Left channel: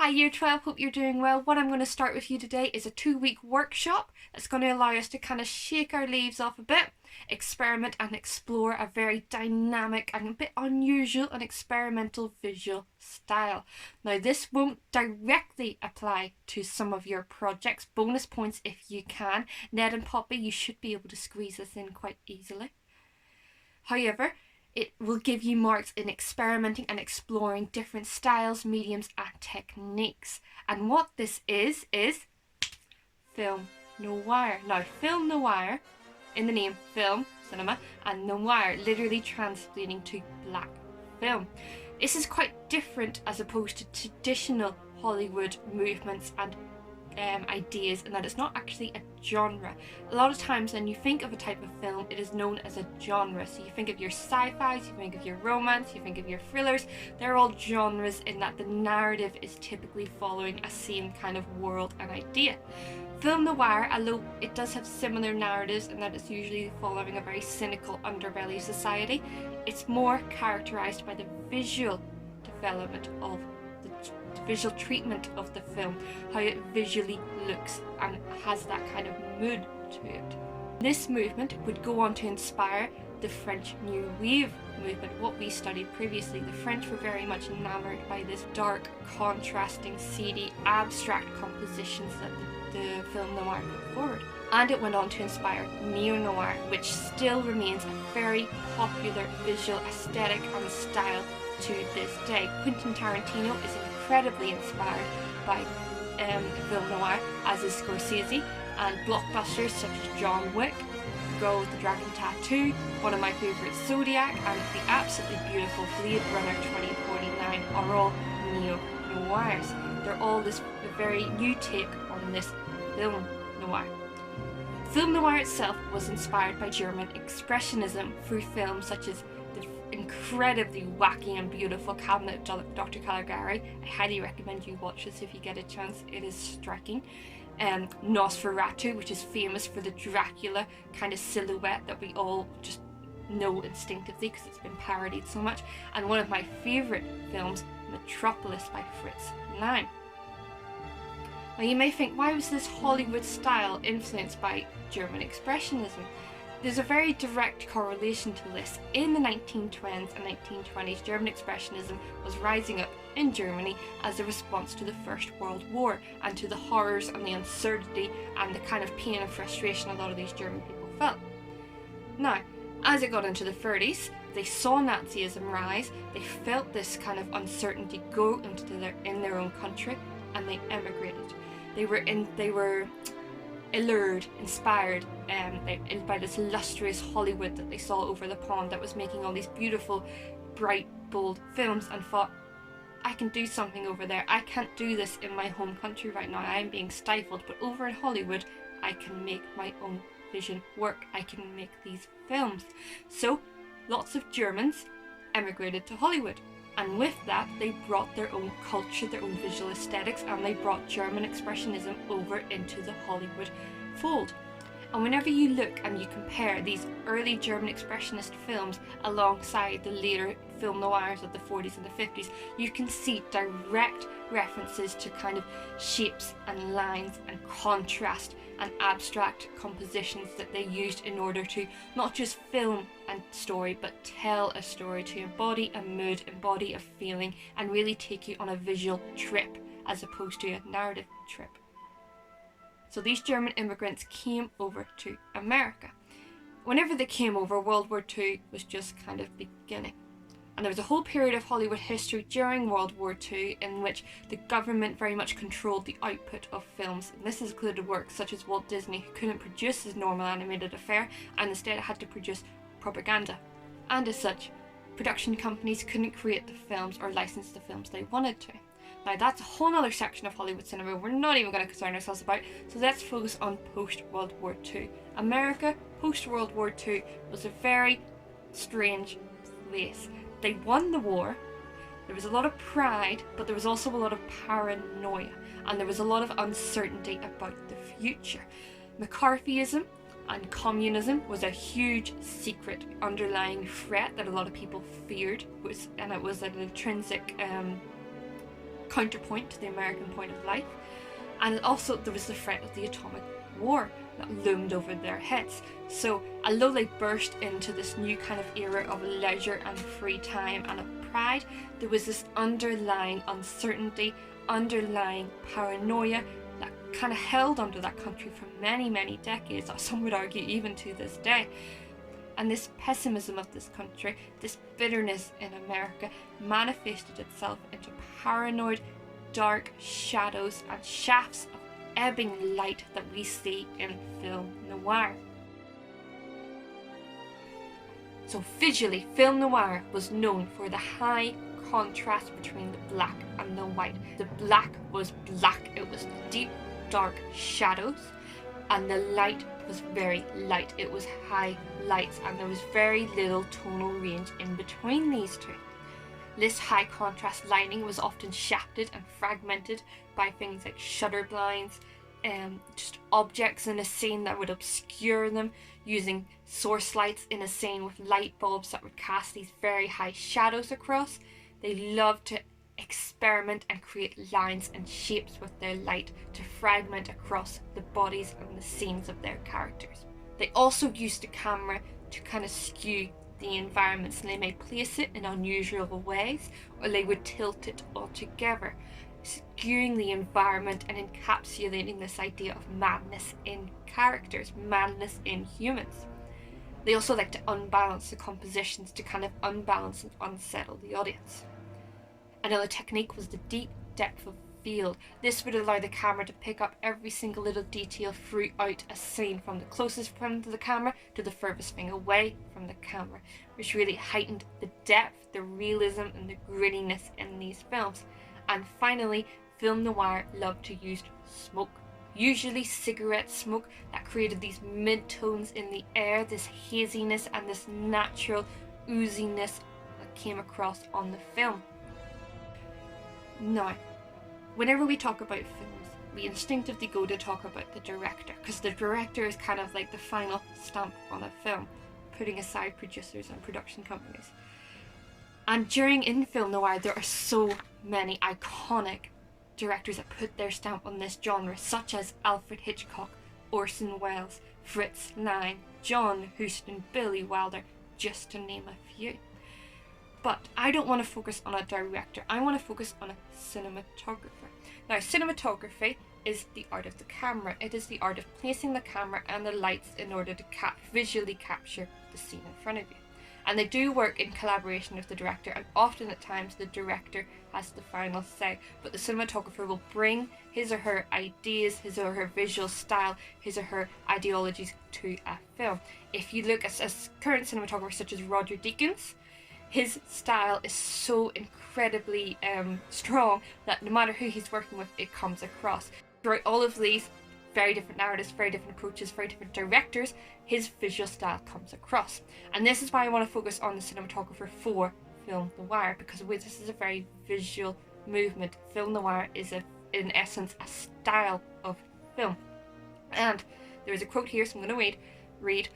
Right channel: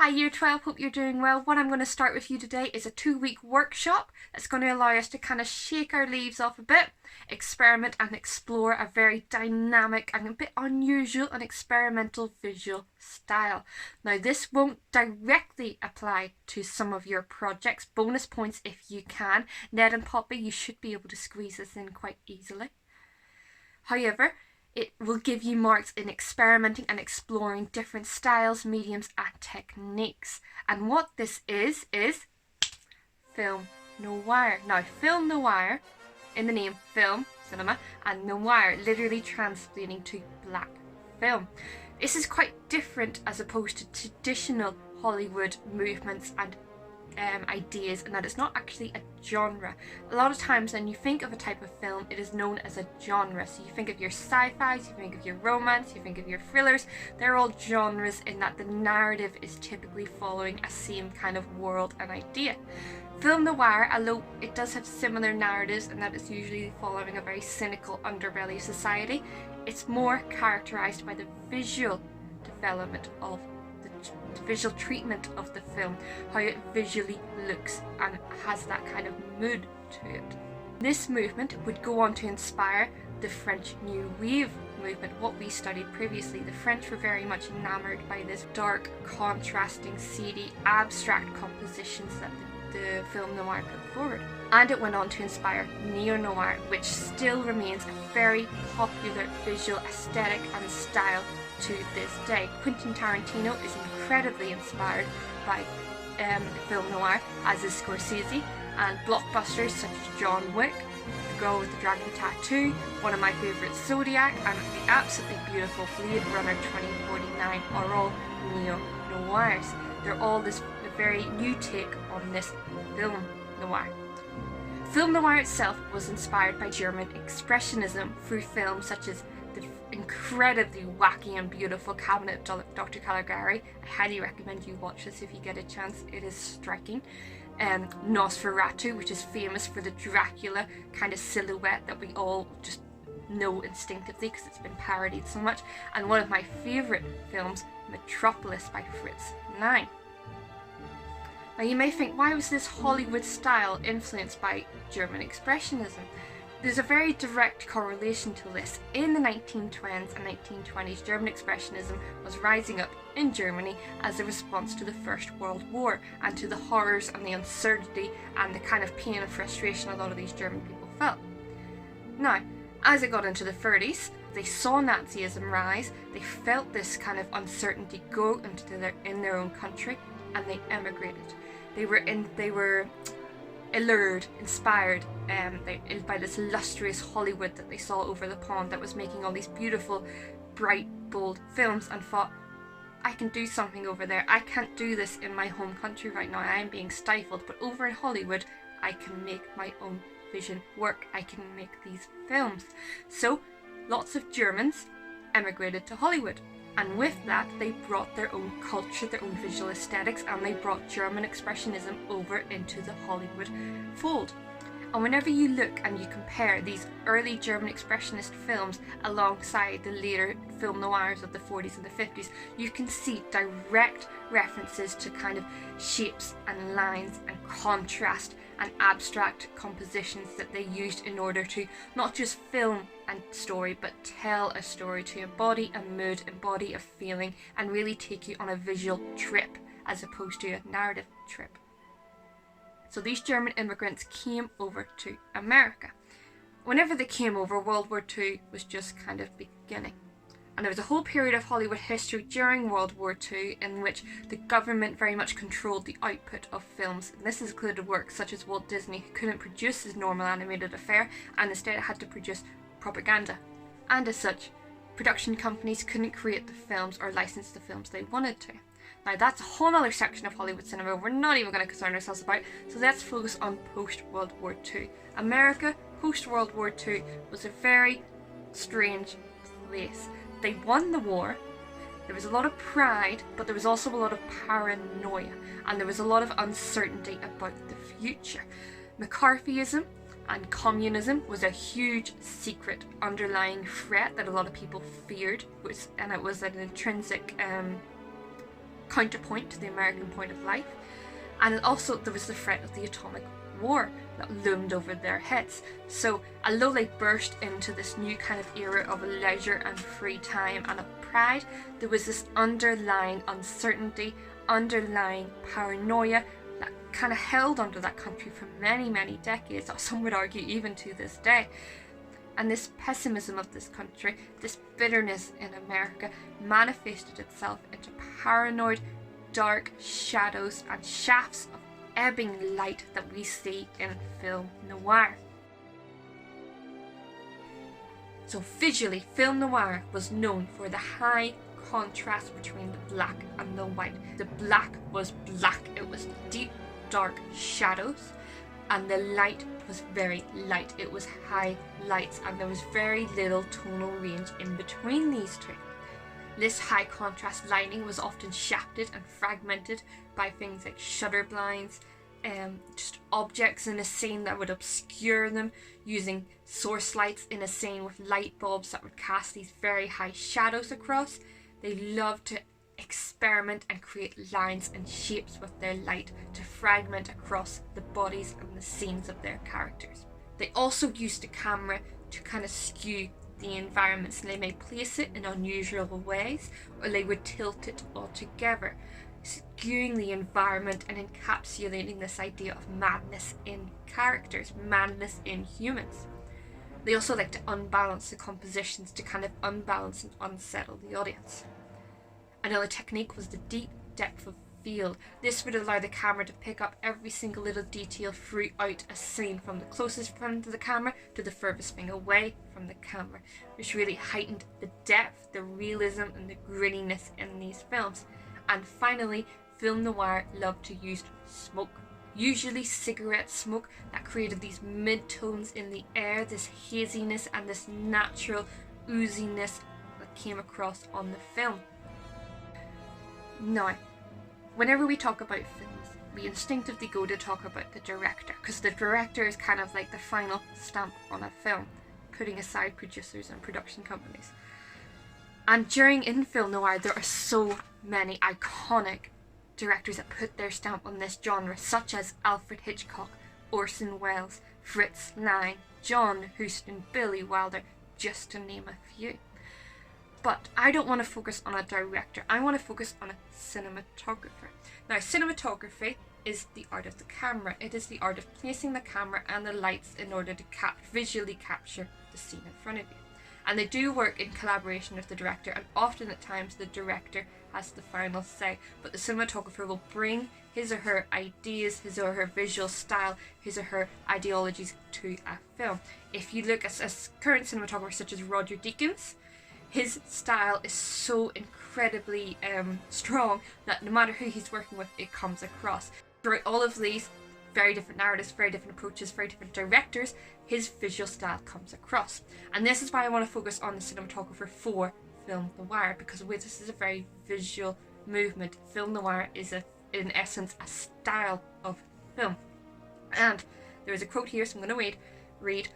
Hi Year 12, hope you're doing well. What I'm going to start with you today is a 2-week workshop that's going to allow us to kind of shake our leaves off a bit, experiment and explore a very dynamic and a bit unusual and experimental visual style. Now this won't directly apply to some of your projects. Bonus points if you can. Ned and Poppy, you should be able to squeeze this in quite easily. However, it will give you marks in experimenting and exploring different styles, mediums and techniques. And what this is film noir. Now, film noir, in the name film, cinema, and noir, literally translating to black film. This is quite different as opposed to traditional Hollywood movements and ideas, and that it's not actually a genre. A lot of times when you think of a type of film, it is known as a genre. So you think of your sci-fis, you think of your romance, you think of your thrillers. They're all genres in that the narrative is typically following a same kind of world and idea. Film noir, although it does have similar narratives in that it's usually following a very cynical underbelly of society, it's more characterized by the visual development of the visual treatment of the film, how it visually looks and has that kind of mood to it. This movement would go on to inspire the French New Wave movement, what we studied previously. The French were very much enamored by this dark, contrasting, seedy, abstract compositions that the film noir put forward. And it went on to inspire neo-noir, which still remains a very popular visual aesthetic and style to this day. Quentin Tarantino is incredibly inspired by film noir, as is Scorsese, and blockbusters such as John Wick, The Girl with the Dragon Tattoo, one of my favourites, Zodiac, and the absolutely beautiful Blade Runner 2049 are all neo-noirs. They're all this very new take on this film noir. Film noir itself was inspired by German expressionism through films such as the incredibly wacky and beautiful Cabinet of Dr. Caligari. I highly recommend you watch this if you get a chance. It is striking. Nosferatu, which is famous for the Dracula kind of silhouette that we all just know instinctively because it's been parodied so much. And one of my favourite films, Metropolis by Fritz Lang. Now you may think, why was this Hollywood style influenced by German expressionism? There's a very direct correlation to this. In the 1920s and 1920s, German expressionism was rising up in Germany as a response to the First World War and to the horrors and the uncertainty and the kind of pain and frustration a lot of these German people felt. Now, as it got into the 30s, they saw Nazism rise, they felt this kind of uncertainty go in their own country, and they emigrated. They were allured, inspired by this illustrious Hollywood that they saw over the pond that was making all these beautiful, bright, bold films, and thought, I can do something over there. I can't do this in my home country right now. I am being stifled, but over in Hollywood, I can make my own vision work. I can make these films. So, lots of Germans emigrated to Hollywood. And with that, they brought their own culture, their own visual aesthetics, and they brought German expressionism over into the Hollywood fold. And whenever you look and you compare these early German expressionist films alongside the later film noirs of the 40s and the 50s, you can see direct references to kind of shapes and lines and contrast and abstract compositions that they used in order to not just film a story, but tell a story, to embody a mood, embody a feeling, and really take you on a visual trip as opposed to a narrative trip. So these German immigrants came over to America. Whenever they came over, World War II was just kind of beginning. And there was a whole period of Hollywood history during World War II in which the government very much controlled the output of films. And this included works such as Walt Disney, who couldn't produce his normal animated affair and instead had to produce propaganda. And as such, production companies couldn't create the films or license the films they wanted to. Now that's a whole other section of Hollywood cinema we're not even going to concern ourselves about, so let's focus on post-World War II. America, post-World War II, was a very strange place. They won the war, there was a lot of pride, but there was also a lot of paranoia, and there was a lot of uncertainty about the future. McCarthyism and communism was a huge secret underlying threat that a lot of people feared, and it was an intrinsic counterpoint to the American point of life. And also there was the threat of the atomic war that loomed over their heads. So although they burst into this new kind of era of leisure and free time and of pride, there was this underlying uncertainty, underlying paranoia that kind of held onto that country for many, many decades, or some would argue even to this day. And this pessimism of this country, this bitterness in America, manifested itself into paranoid, dark shadows and shafts of ebbing light that we see in film noir. So visually, film noir was known for the high contrast between the black and the white. The black was black, it was deep, dark shadows, and the light was very light. It was high lights, and there was very little tonal range in between these two. This high contrast lighting was often shafted and fragmented by things like shutter blinds, just objects in a scene that would obscure them, using source lights in a scene with light bulbs that would cast these very high shadows across. They loved to experiment and create lines and shapes with their light to fragment across the bodies and the scenes of their characters. They also used the camera to kind of skew the environments, and they may place it in unusual ways, or they would tilt it altogether, skewing the environment and encapsulating this idea of madness in characters, madness in humans. They also like to unbalance the compositions to kind of unbalance and unsettle the audience. Another technique was the deep depth of field. This would allow the camera to pick up every single little detail throughout a scene, from the closest front of the camera to the furthest thing away from the camera, which really heightened the depth, the realism and the grittiness in these films. And finally, film noir loved to use smoke, usually cigarette smoke, that created these mid-tones in the air, this haziness and this natural ooziness that came across on the film. Now, whenever we talk about films, we instinctively go to talk about the director, because the director is kind of like the final stamp on a film, putting aside producers and production companies. And in film noir, there are so many iconic directors that put their stamp on this genre, such as Alfred Hitchcock, Orson Welles, Fritz Lang, John Huston, Billy Wilder, just to name a few. But I don't want to focus on a director, I want to focus on a cinematographer. Now, cinematography is the art of the camera. It is the art of placing the camera and the lights in order to visually capture the scene in front of you. And they do work in collaboration with the director, and often at times the director has the final say, but the cinematographer will bring his or her ideas, his or her visual style, his or her ideologies to a film. If you look at current cinematographers such as Roger Deakins, his style is so incredibly strong that no matter who he's working with, it comes across. Throughout all of these very different narratives, very different approaches, very different directors, his visual style comes across. And this is why I want to focus on the cinematographer for film noir, because this is a very visual movement. Film noir is in essence a style of film. And there is a quote here, so I'm going to read.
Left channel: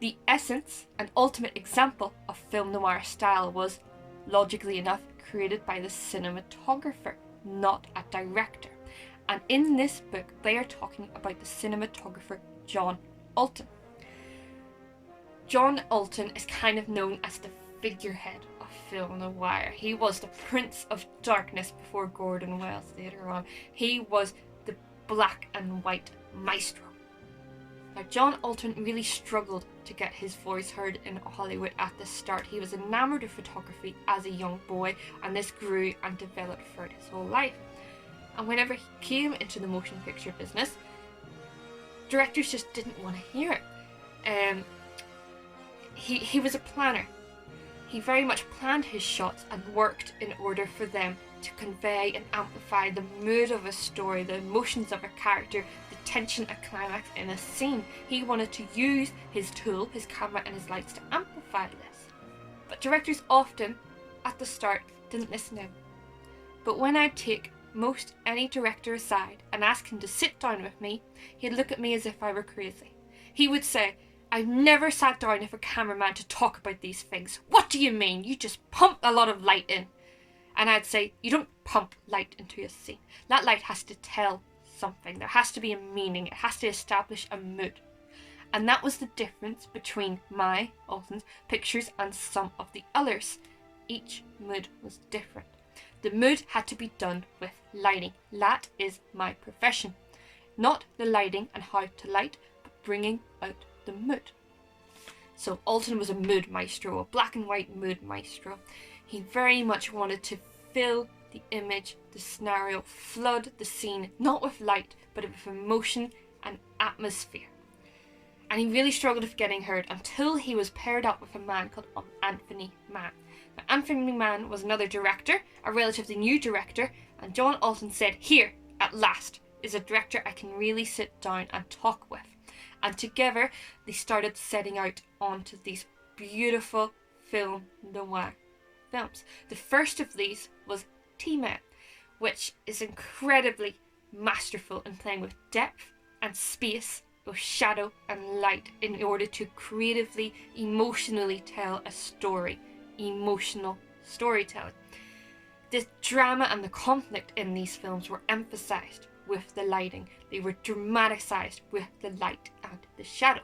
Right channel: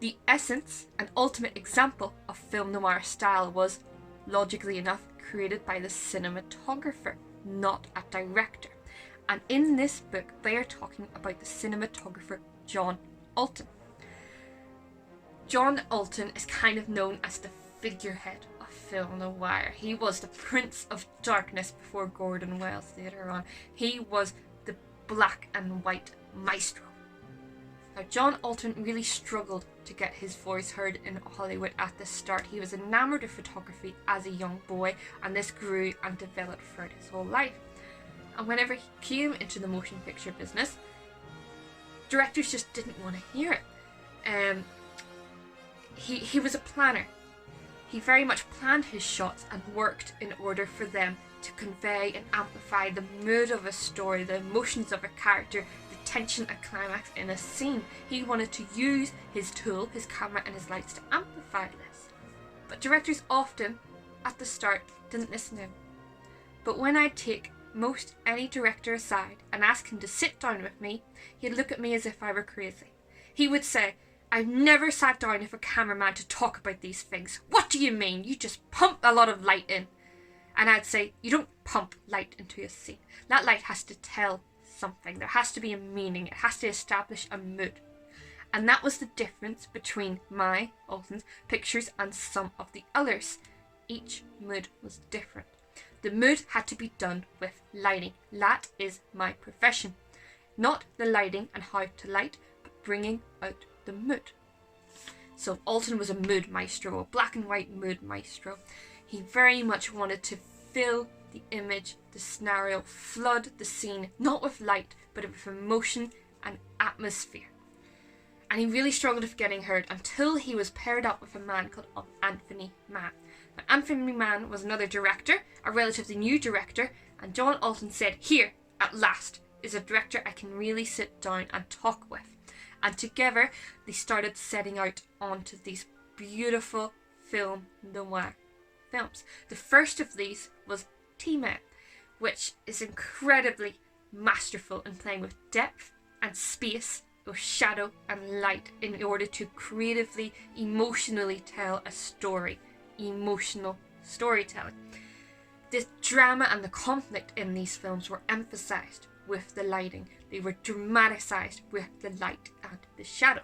The essence and ultimate example of film noir style was, logically enough, created by the cinematographer, not a director. And in this book, they are talking about the cinematographer John Alton. John Alton is kind of known as the figurehead of film noir. He was the Prince of Darkness before Gordon Welles later on. He was the black and white maestro. Now, John Alton really struggled to get his voice heard in Hollywood at the start. He was enamoured of photography as a young boy, and this grew and developed throughout his whole life. And whenever he came into the motion picture business, directors just didn't want to hear it. He was a planner. He very much planned his shots and worked in order for them to convey and amplify the mood of a story, the emotions of a character, the tension and climax in a scene. He wanted to use his tool, his camera and his lights to amplify this. But directors often, at the start, didn't listen in. But when I'd take most any director aside and ask him to sit down with me, he'd look at me as if I were crazy. He would say, "I've never sat down with a cameraman to talk about these things. What do you mean? You just pump a lot of light in." And I'd say, you don't pump light into a scene. That light has to tell something. There has to be a meaning. It has to establish a mood. And that was the difference between my, Alton's, pictures and some of the others. Each mood was different. The mood had to be done with lighting. That is my profession. Not the lighting and how to light, but bringing out the mood. So Alton was a mood maestro, a black and white mood maestro. He very much wanted to fill the image, the scenario, flood the scene, not with light, but with emotion and atmosphere. And he really struggled with getting heard until he was paired up with a man called Anthony Mann. Now, Anthony Mann was another director, a relatively new director, and John Alton said, here, at last, is a director I can really sit down and talk with. And together, they started setting out onto these beautiful film noir films. The first of these was T-Man, which is incredibly masterful in playing with depth and space, with shadow and light, in order to creatively, emotionally tell a story. Emotional storytelling. The drama and the conflict in these films were emphasised with the lighting. They were dramatised with the light and the shadow.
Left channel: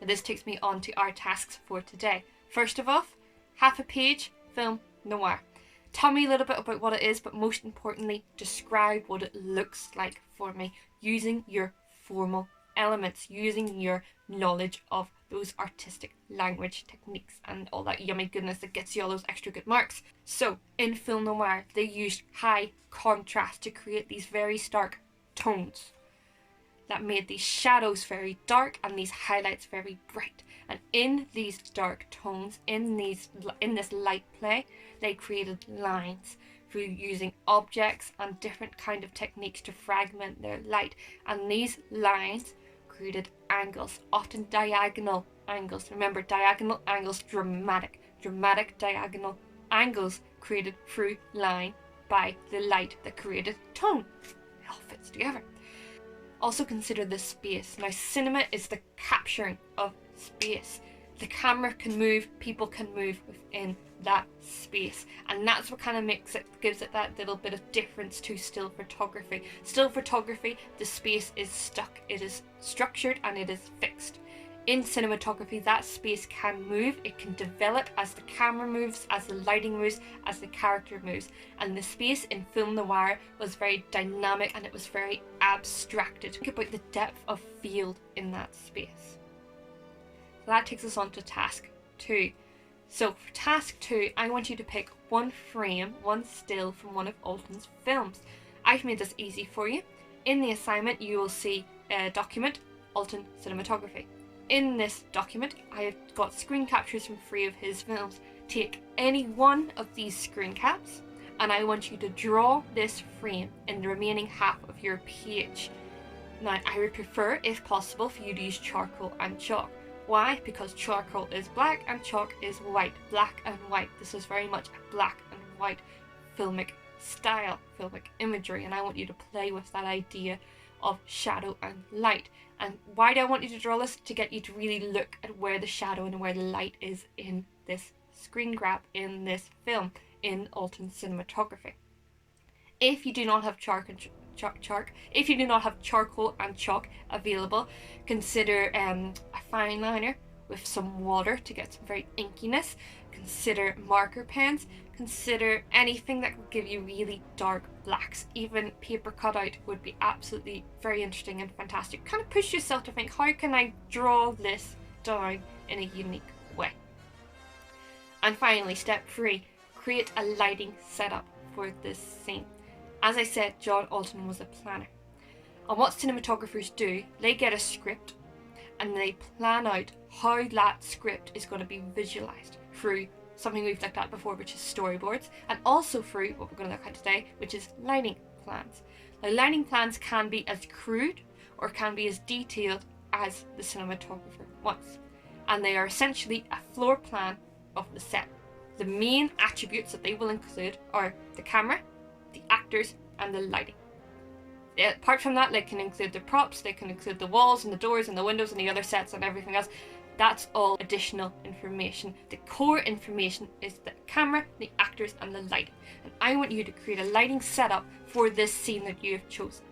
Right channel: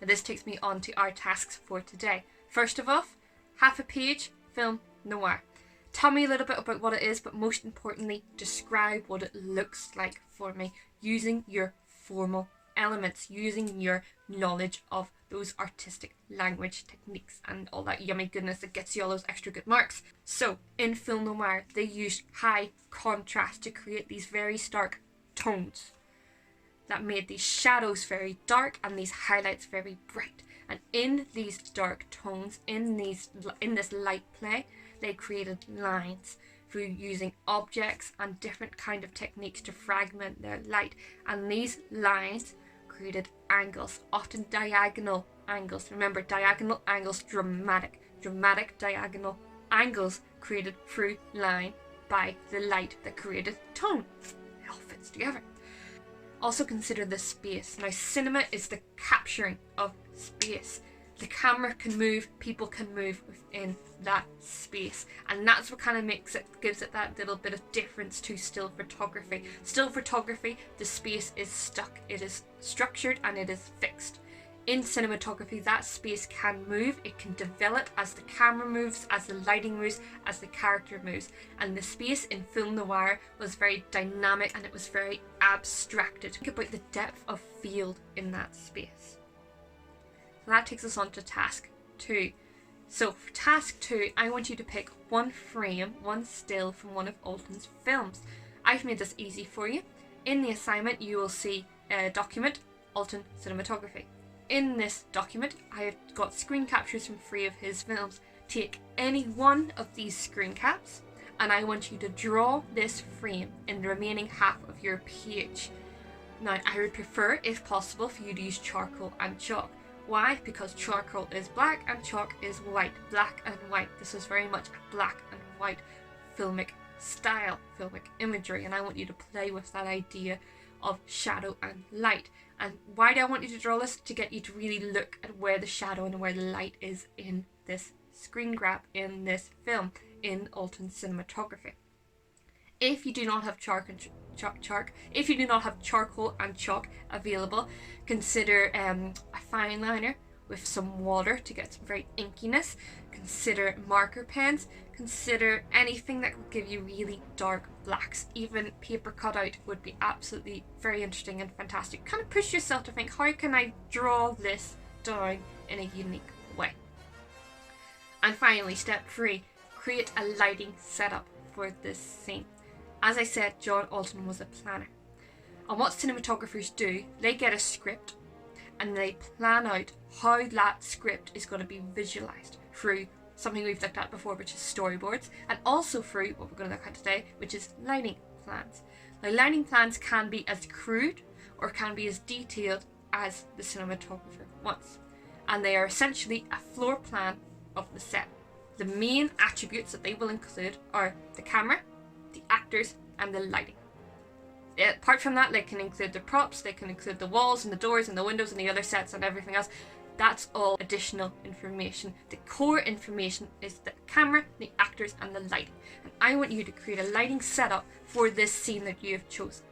Now this takes me on to our tasks for today. First of all, half a page film noir. Tell me a little bit about what it is, but most importantly, describe what it looks like for me using your formal elements, using your knowledge of those artistic language techniques and all that yummy goodness that gets you all those extra good marks. So in film noir, they used high contrast to create these very stark tones that made these shadows very dark and these highlights very bright. And in these dark tones, in this light play, they created lines through using objects and different kind of techniques to fragment their light. And these lines created angles, often diagonal angles. Remember, diagonal angles, dramatic diagonal angles created through line by the light that created tone. It all fits together. Also consider the space. Now, cinema is the capturing of space. The camera can move, people can move within that space, and that's what kind of gives it that little bit of difference to still photography. Still photography, the space is stuck, it is structured and it is fixed. In cinematography, that space can move, it can develop as the camera moves, as the lighting moves, as the character moves. And the space in film noir was very dynamic and it was very abstracted. Think about the depth of field in that space. So that takes us on to task 2. So for task 2, I want you to pick one frame, one still from one of Alton's films. I've made this easy for you. In the assignment, you will see a document, Alton Cinematography. In this document, I have got screen captures from 3 of his films. Take any one of these screen caps, and I want you to draw this frame in the remaining half of your page. Now, I would prefer, if possible, for you to use charcoal and chalk. Why? Because charcoal is black and chalk is white. Black and white. This is very much a black and white filmic style, filmic imagery, and I want you to play with that idea of shadow and light. And why do I want you to draw this? To get you to really look at where the shadow and where the light is in this screen grab, in this film, in Alton Cinematography. If you do not have if you do not have charcoal and chalk available, consider a fine liner with some water to get some very inkiness. Consider marker pens. Consider anything that will give you really dark blacks. Even paper cutout would be absolutely very interesting and fantastic. Kind of push yourself to think, how can I draw this down in a unique way? And finally, step 3, create a lighting setup for this scene. As I said, John Alton was a planner. And what cinematographers do, they get a script and they plan out how that script is going to be visualized through something we've looked at before, which is storyboards, and also through what we're going to look at today, which is lighting plans. Now, lighting plans can be as crude or can be as detailed as the cinematographer wants, and they are essentially a floor plan of the set. The main attributes that they will include are the camera, the actors, and the lighting. Apart from that, they can include the props, they can include the walls and the doors and the windows and the other sets and everything else. That's all additional information. The core information is the camera, the actors and the lighting. And I want you to create a lighting setup for this scene that you have chosen.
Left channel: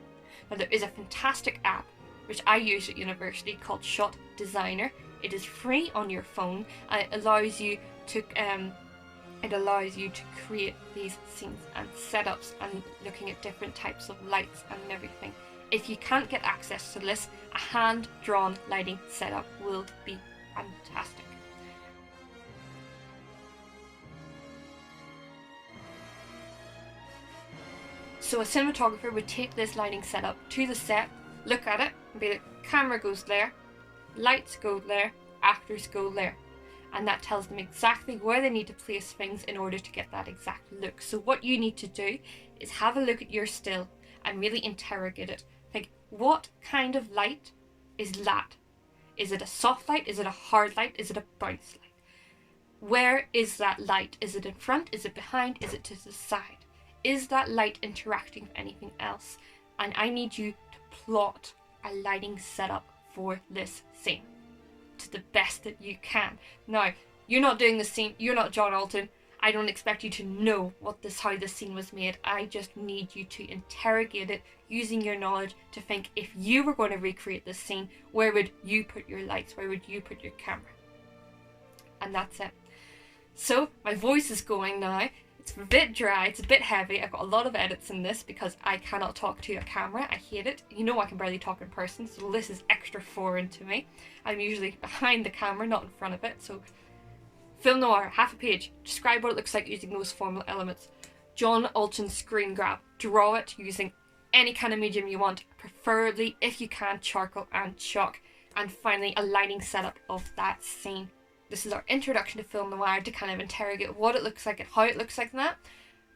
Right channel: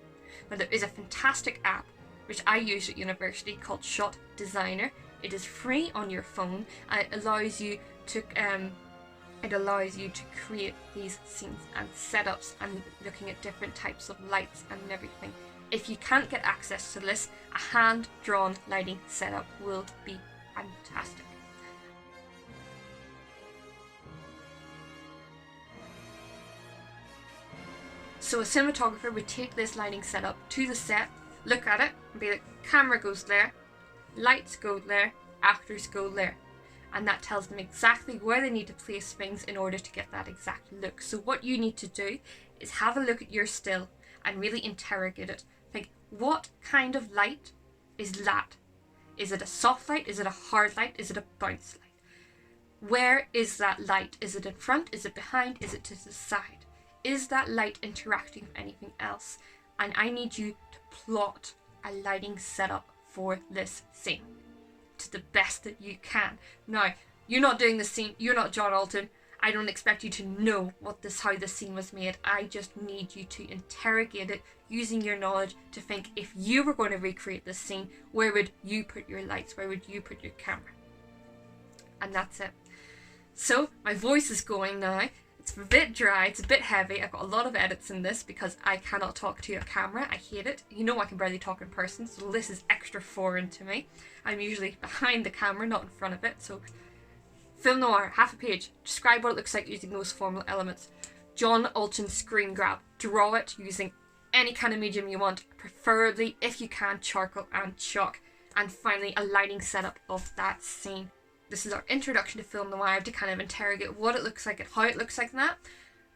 Now there is a fantastic app which I use at university called Shot Designer. It is free on your phone and it allows you to create these scenes and setups and looking at different types of lights and everything. If you can't get access to this, a hand-drawn lighting setup will be fantastic. So a cinematographer would take this lighting setup to the set, look at it, and be like, camera goes there, lights go there, actors go there. And that tells them exactly where they need to place things in order to get that exact look. So what you need to do is have a look at your still and really interrogate it. Think, what kind of light is that? Is it a soft light? Is it a hard light? Is it a bounce light? Where is that light? Is it in front? Is it behind? Is it to the side? Is that light interacting with anything else? And I need you to plot a lighting setup for this scene to the best that you can. Now, you're not doing the scene, you're not John Alton. I don't expect you to know how this scene was made. I just need you to interrogate it using your knowledge to think, if you were going to recreate this scene, where would you put your lights? Where would you put your camera? And that's it. So my voice is going now. It's a bit dry, it's a bit heavy. I've got a lot of edits in this because I cannot talk to a camera. I hate it. You know I can barely talk in person, so this is extra foreign to me. I'm usually behind the camera, not in front of it. So film noir, half a page. Describe what it looks like using those formal elements. John Alton screen grab. Draw it using any kind of medium you want, preferably, if you can, charcoal and chalk. And finally, a lighting setup of that scene. This is our introduction to film noir, to kind of interrogate what it looks like and how it looks like in that.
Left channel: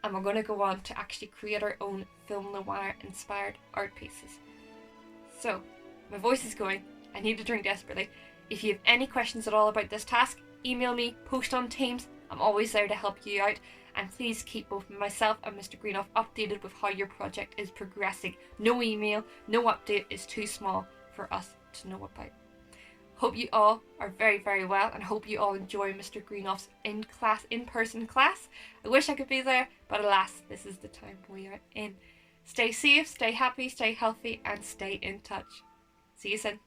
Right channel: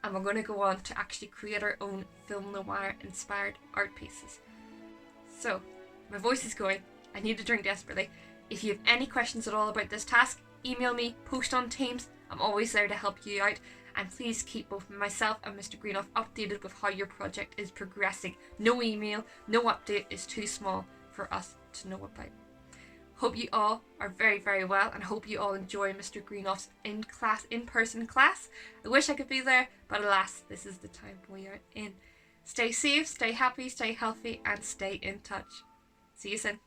And we're going to go on to actually create our own film noir inspired art pieces. So, my voice is going. I need a drink desperately. If you have any questions at all about this task, email me, post on Teams. I'm always there to help you out. And please keep both myself and Mr. Greenoff updated with how your project is progressing. No email, no update is too small for us to know about. Hope you all are very, very well, and hope you all enjoy Mr. Greenoff's in-person class. I wish I could be there, but alas, this is the time we are in. Stay safe, stay happy, stay healthy, and stay in touch. See you soon.